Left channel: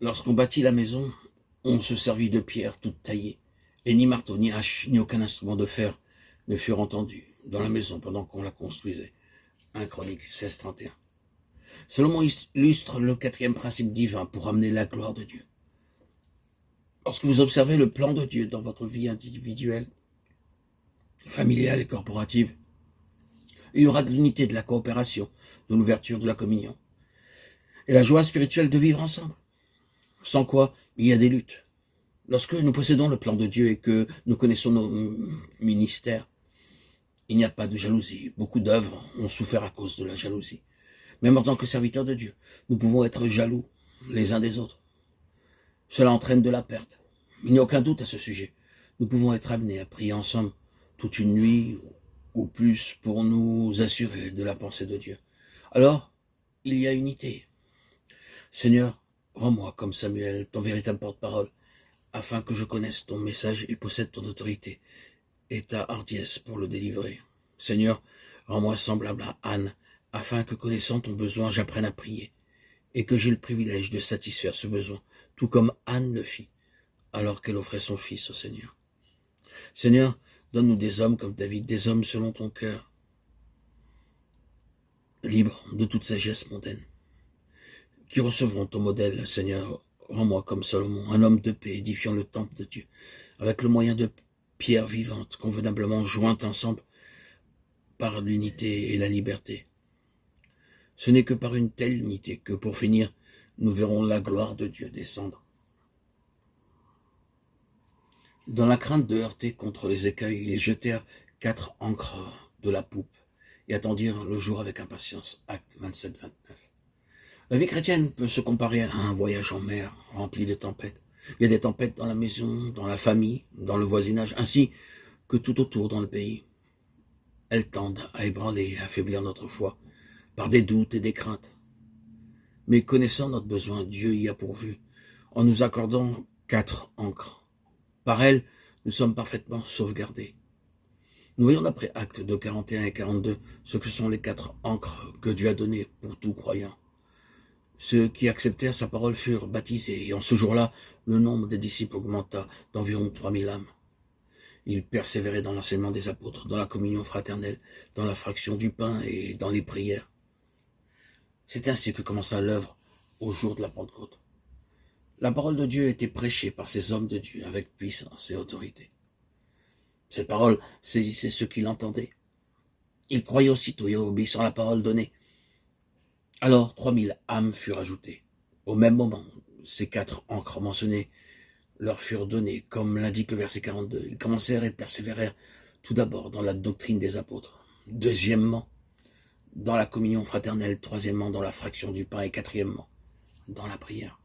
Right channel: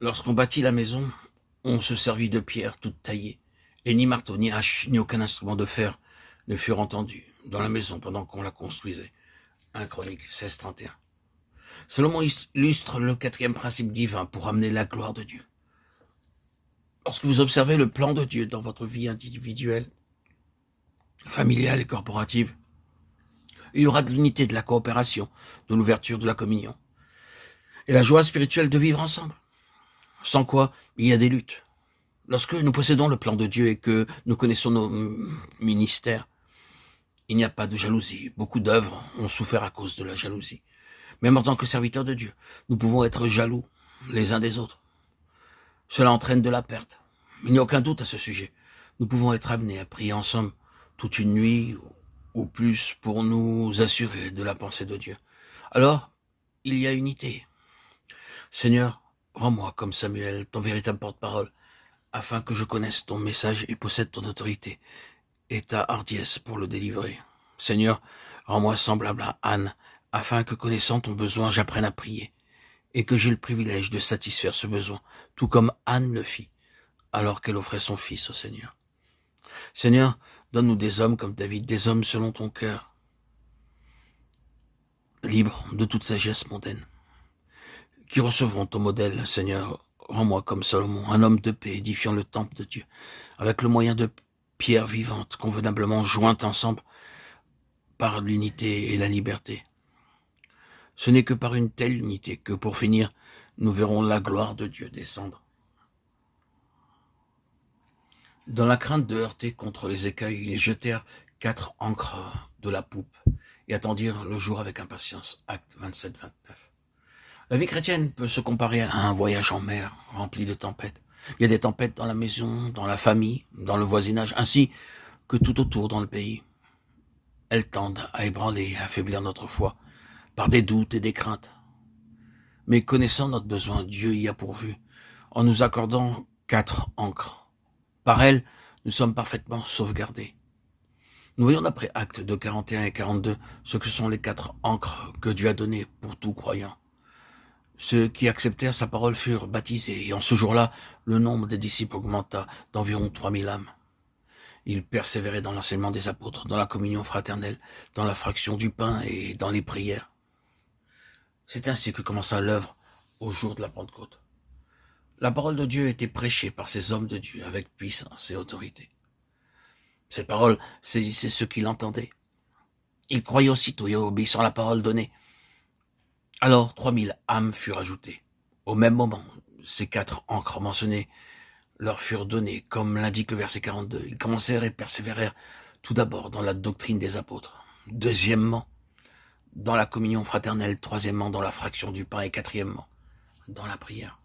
Lorsqu'on bâtit la maison, on se servit de pierres toutes taillées, et ni marteau, ni hache, ni aucun instrument de fer ne furent entendus dans la maison pendant qu'on la construisait. 1 Chronique 16:31. Salomon illustre le quatrième principe divin pour amener la gloire de Dieu. Lorsque vous observez le plan de Dieu dans votre vie individuelle, familiale et corporative, il y aura de l'unité, de la coopération, de l'ouverture, de la communion, et la joie spirituelle de vivre ensemble. Sans quoi, il y a des luttes. Lorsque nous possédons le plan de Dieu et que nous connaissons nos ministères, il n'y a pas de jalousie. Beaucoup d'œuvres ont souffert à cause de la jalousie. Même en tant que serviteurs de Dieu, nous pouvons être jaloux les uns des autres. Cela entraîne de la perte. Il n'y a aucun doute à ce sujet. Nous pouvons être amenés à prier ensemble toute une nuit ou plus pour nous assurer de la pensée de Dieu. Alors, il y a unité. Seigneur, rends-moi comme Samuel, ton véritable porte-parole, afin que je connaisse ton message et possède ton autorité et ta hardiesse pour le délivrer. Seigneur, rends-moi semblable à Anne, afin que connaissant ton besoin, j'apprenne à prier, et que j'ai le privilège de satisfaire ce besoin, tout comme Anne le fit, alors qu'elle offrait son fils au Seigneur. Seigneur, donne-nous des hommes comme David, des hommes selon ton cœur, libres de toute sagesse mondaine, qui recevront ton modèle, Seigneur. Rends-moi comme Salomon, un homme de paix, édifiant le temple de Dieu, avec le moyen de pierres vivantes, convenablement jointes ensemble par l'unité et la liberté. Ce n'est que par une telle unité que, pour finir, nous verrons la gloire de Dieu descendre. Dans la crainte de heurter contre les écueils, ils jetèrent 4 ancres de la poupe et attendirent le jour avec impatience. Acte 27-29. La vie chrétienne peut se comparer à un voyage en mer rempli de tempêtes. Il y a des tempêtes dans la maison, dans la famille, dans le voisinage, ainsi que tout autour dans le pays. Elles tendent à ébranler et à affaiblir notre foi par des doutes et des craintes. Mais connaissant notre besoin, Dieu y a pourvu, en nous accordant 4 ancres. Par elles, nous sommes parfaitement sauvegardés. Nous voyons d'après Actes 2, 41 et 42 ce que sont les 4 ancres que Dieu a données pour tout croyant. Ceux qui acceptèrent sa parole furent baptisés, et en ce jour-là, le nombre des disciples augmenta d'environ 3000 âmes. Ils persévéraient dans l'enseignement des apôtres, dans la communion fraternelle, dans la fraction du pain et dans les prières. C'est ainsi que commença l'œuvre au jour de la Pentecôte. La parole de Dieu était prêchée par ces hommes de Dieu avec puissance et autorité. Cette parole saisissait ceux qui l'entendaient. Ils croyaient aussitôt et obéissant à la parole donnée. Alors 3000 âmes furent ajoutées. Au même moment, ces 4 ancres mentionnées leur furent données, comme l'indique le verset 42. Ils commencèrent et persévérèrent tout d'abord dans la doctrine des apôtres. Deuxièmement, dans la communion fraternelle. Troisièmement, dans la fraction du pain. Et quatrièmement, dans la prière.